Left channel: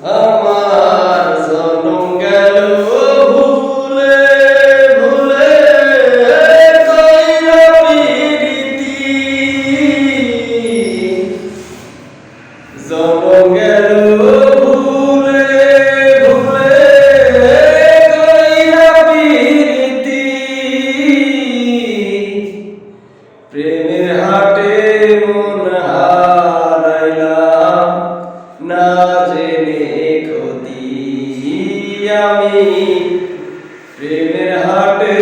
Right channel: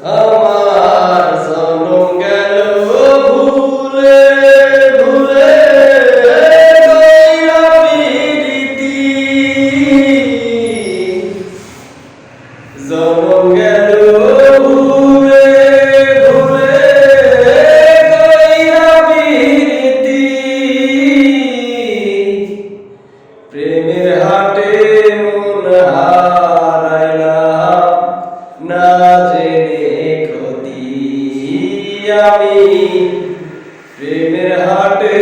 আমার জনম গেল ভুলে ভুলে কইরা প্রীতি জনম গেল ভুলে ভুলে কইরা প্রীতি প্রেমের হাটে মন হারাইলাম না জেনে ক্ষতি আমি প্রেমের হাটে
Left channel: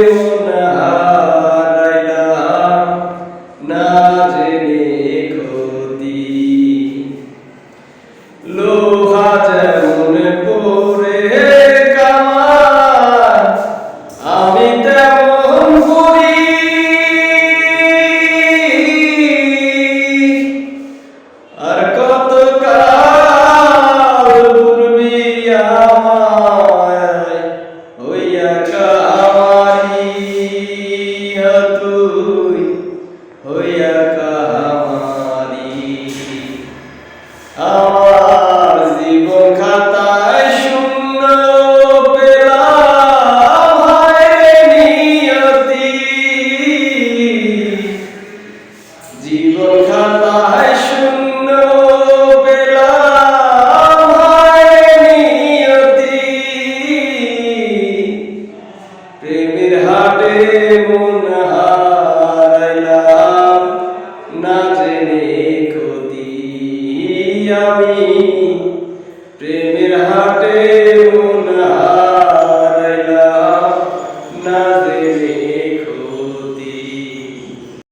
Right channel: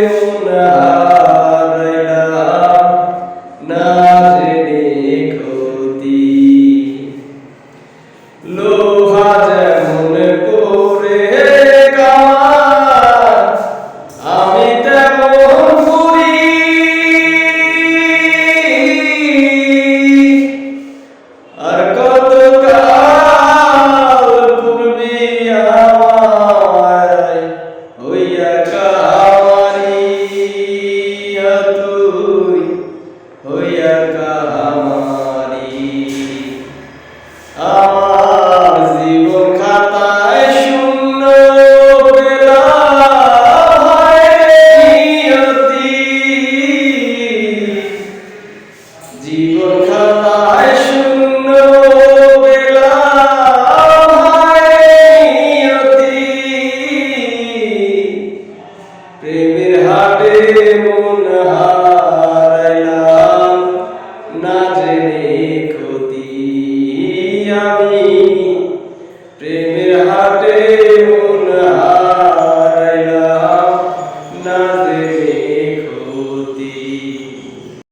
মন হারাইলাম না জেনে ক্ষতি লোহা যেমন পরে কামান আমি তেমন পুরি আর কত কাল পূর্বে আমায় হইয়া কাহামারি তুই হইয়া কাহামারি আমার জীবন খাতায় শূন্য পেলাম হায় নিয়তি জীবন খাতায় শূন্য পেলাম হায় নিয়তি প্রেমের হাটে মন হারাইলাম না জেনে ক্ষতি আমি